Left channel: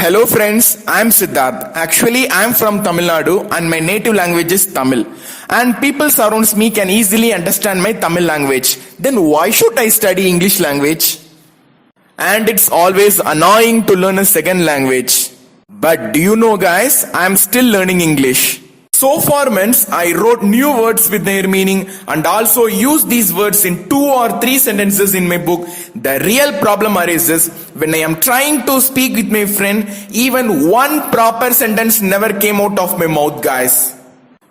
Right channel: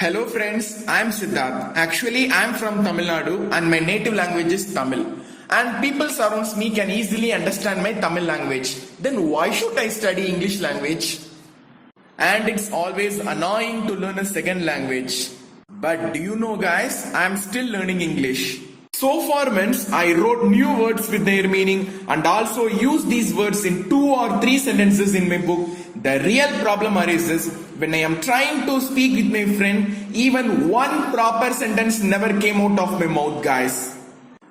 Hello friends, I am Siddarth. Actually, I am from Tamil Nadu and my native language is Tamil. And people surrounds me can easily understand my Tamil language. Then why should I study English language? And it's always annoying to learn a second language. But do you know guys, I am still learning English. So for months, I wrote new words with their meaning and also used these words in 2 or 3 sentences in my book. The real problem arises when I am trying to speak with my friend, even one proper sentence never came out of my mouth, guys.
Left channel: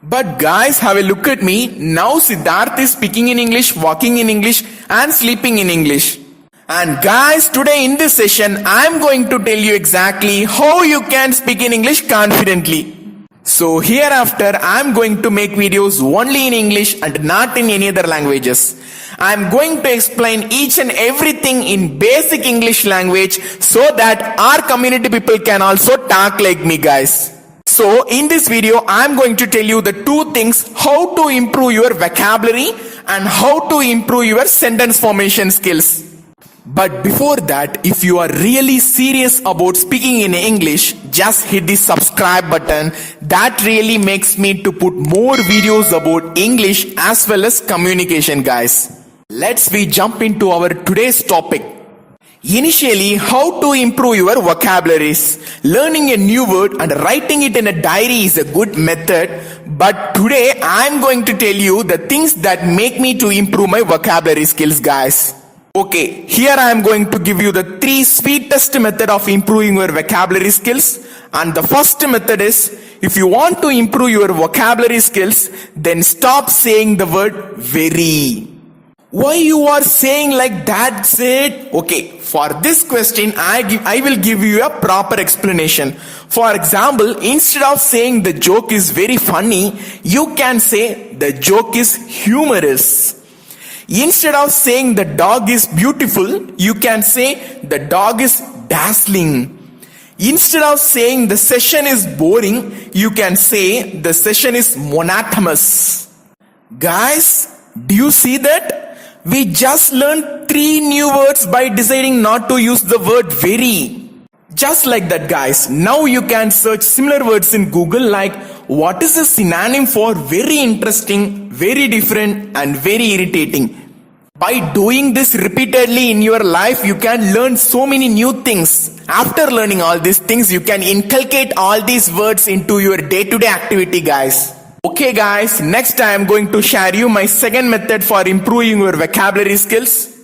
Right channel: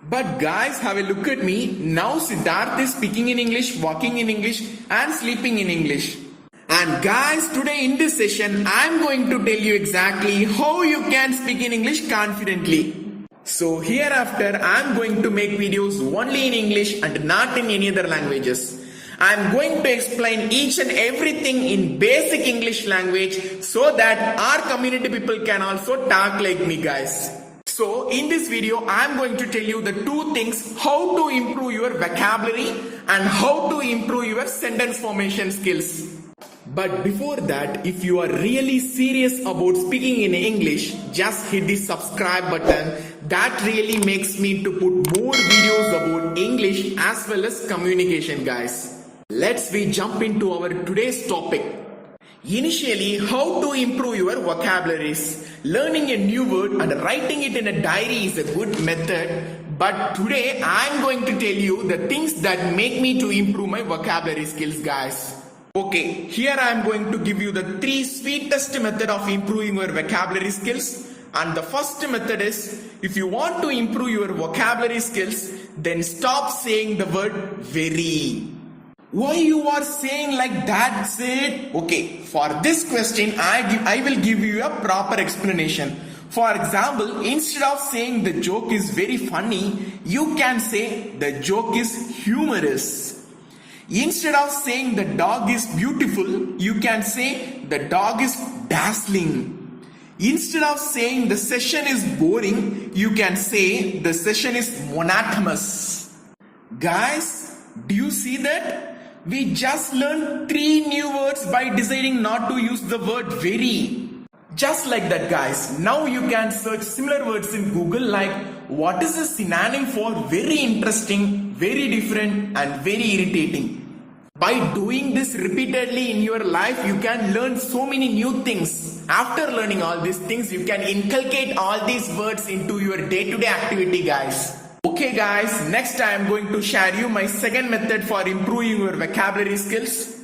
But guys, have a look at me. Now Siddarth is speaking in English, walking in English and sleeping in English. And guys, today in this session, I am going to tell you exactly how you can speak in English confidently. So hereafter, I am going to make videos only in English and not in any other languages. I am going to explain each and everything in basic English language so that our community people can also talk like me, guys. So in this video, I am going to tell you the 2 things: how to improve your vocabulary and how to improve your sentence formation skills. But before that, if you are really serious about speaking in English, just hit the subscribe button. That really makes me to put more videos about English as well as communication, guys. Let's jump into our today's topic. Initially, how to improve your vocabularies. Learning a new word and writing it in a diary is a good method. But today, I am going to tell you the things that make me to improve my vocabulary skills, guys. Okay, here I am going to give you the 3 sweetest method of improving your vocabulary skills. And the first method is, if you want to improve your vocabulary skills, then stop saying the word very. Why you are saying like that, said? Okay, for this question, I will give you a proper explanation. For example, instead of saying the joke is very funny, you can say the joke is humorous. Instead of saying the dog is beautiful, you can say the dog is dazzling. Instead of saying the session is boring, you can say the session is monotonous. Guys, do you see that? We just learned 3 new words by deciding not to use the word very. Just like that, guys. Now you can search similar words in Google like what is a synonym for very interesting, very different and very irritating. By doing this repeatedly in your life, you can learn so many new things. After learning all these things, you can inculcate all these words into your day-to-day activity, guys. Okay guys, next I am going to share you my second method for improving your vocabulary skills.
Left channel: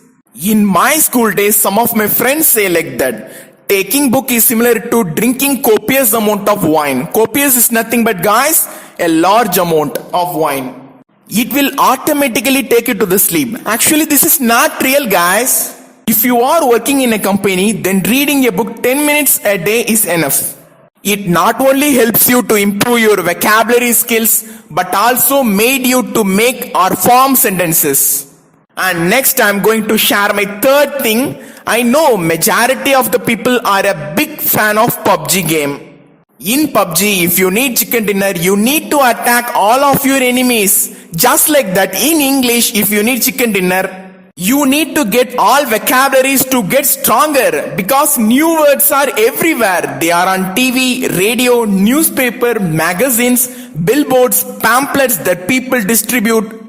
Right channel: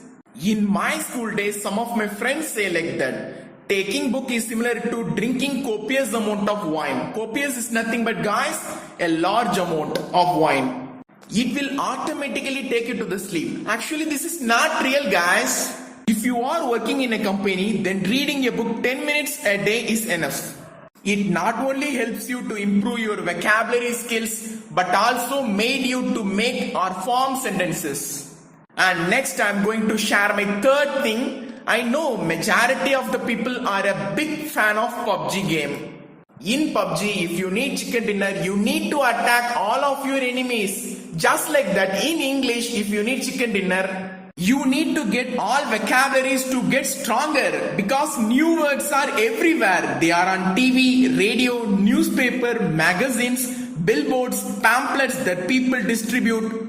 In my school days, some of my friends say like that taking book is similar to drinking copious amount of wine. Copious is nothing but, guys, a large amount of wine. It will automatically take you to the sleep. Actually, this is not real, guys. If you are working in a company, then reading a book 10 minutes a day is enough. It not only helps you to improve your vocabulary skills, but also made you to make or form sentences. And next I am going to share my third thing. I know majority of the people are a big fan of PUBG game. In PUBG, if you need chicken dinner, you need to attack all of your enemies. Just like that, in English, if you need chicken dinner, you need to get all vocabularies to get stronger because new words are everywhere. They are on TV, radio, newspaper, magazines, billboards, pamphlets that people distribute.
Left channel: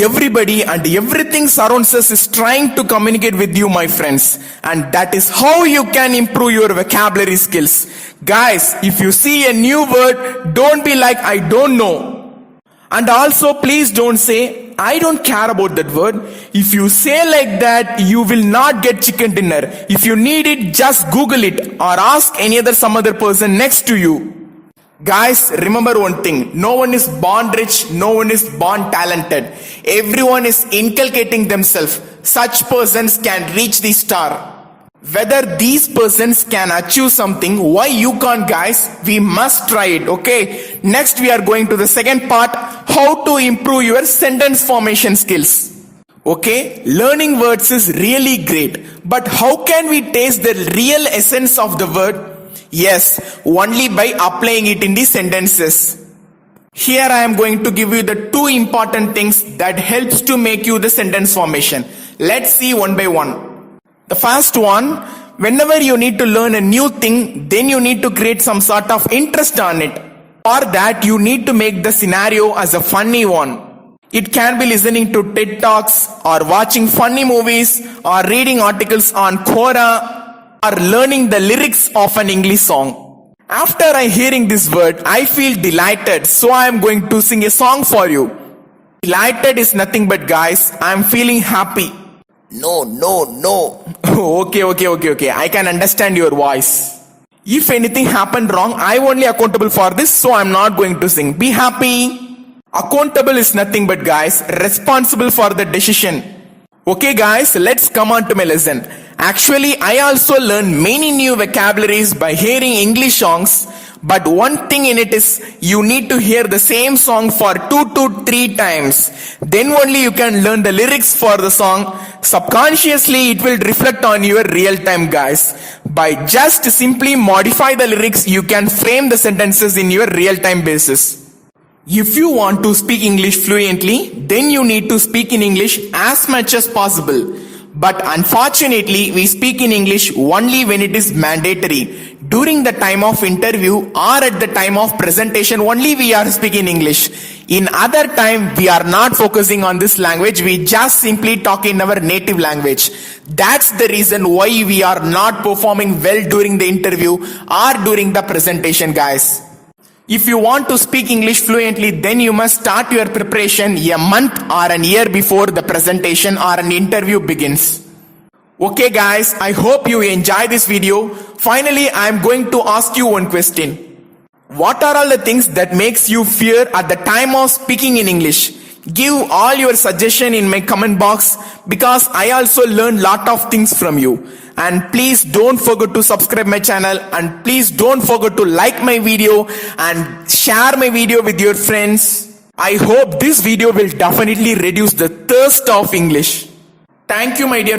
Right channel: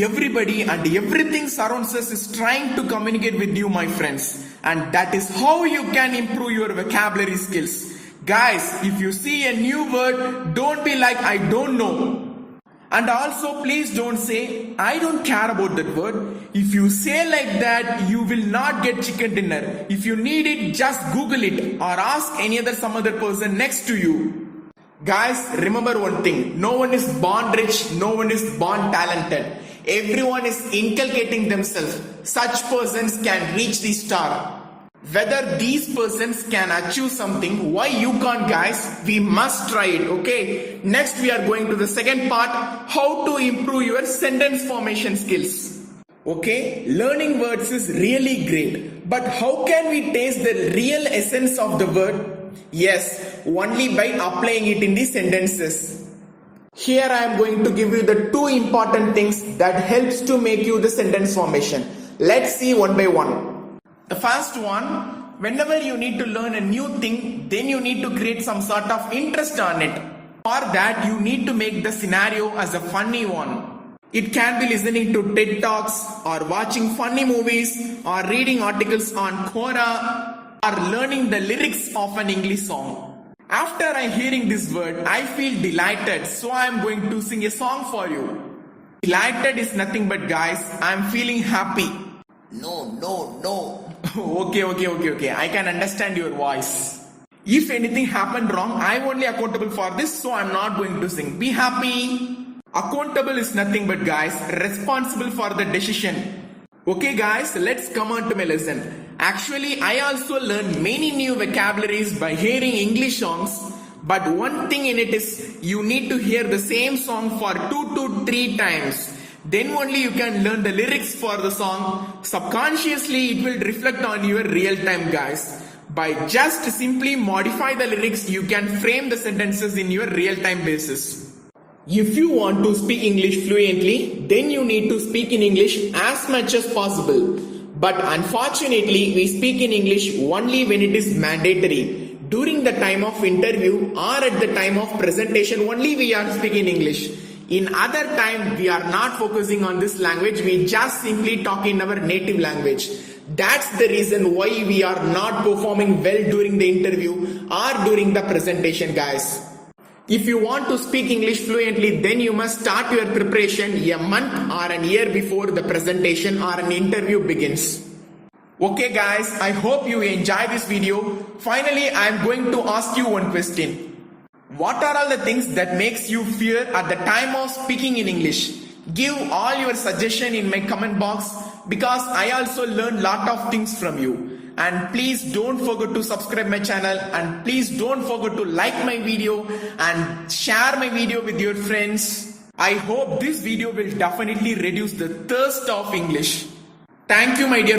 Everybody and everything surrounds us is trying to communicate with you, my friends. And that is how you can improve your vocabulary skills. Guys, if you see a new word, don't be like, I don't know. And also, please don't say, I don't care about that word. If you say like that, you will not get chicken dinner. If you need it, just Google it or ask some other person next to you. Guys, remember one thing. No one is born rich. No one is born talented. Everyone is inculcating themselves. Such persons can reach the star. Whether these persons can achieve something, why you can't, guys? We must try it, okay? Next, we are going to the second part, how to improve your sentence formation skills. Okay, learning words is really great, but how can we taste the real essence of the word? Yes, only by applying it in the sentences. Here I am going to give you the 2 important things that helps to make you the sentence formation. Let's see one by one. The first one, Whenever you need to learn a new thing, then you need to create some sort of interest on it. For that, you need to make the scenario as a funny one. It can be listening to TED Talks, or watching funny movies, or reading articles on Quora, or learning the lyrics of an English song. After I hearing this word, I feel delighted, so I am going to sing a song for you. Delighted is nothing but, guys, I am feeling happy. No. Okay. I can understand your voice. If anything happened wrong, I am only accountable for this, so I am not going to sing. Be happy. Accountable is nothing but, guys, responsible for the decision. Okay guys, let's come on to my lesson. Actually, I also learned many new vocabularies by hearing English songs. But one thing in it is, you need to hear the same song for 2 to 3 times. Then only you can learn the lyrics for the song. Subconsciously, it will reflect on your real time, guys. By just simply modify the lyrics, you can frame the sentences in your real time basis. If you want to speak English fluently, then you need to speak in English as much as possible. But unfortunately, we speak in English only when it is mandatory. During the time of interview or at the time of presentation, only we are speaking English. In other time, we are not focusing on this language. We just simply talk in our native language. That's the reason why we are not performing well during the interview or during the presentation, guys. If you want to speak English fluently, then you must start your preparation a month or an year before the presentation or an interview begins. Okay guys, I hope you enjoy this video. Finally, I am going to ask you one question. What are all the things that makes you fear at the time of speaking in English? Give all your suggestion in my comment box, because I also learn lot of things from you. And please don't forget to subscribe my channel, and please don't forget to like my video and share my video with your friends. I hope this video will definitely reduce the thirst of English. Thank you, my dear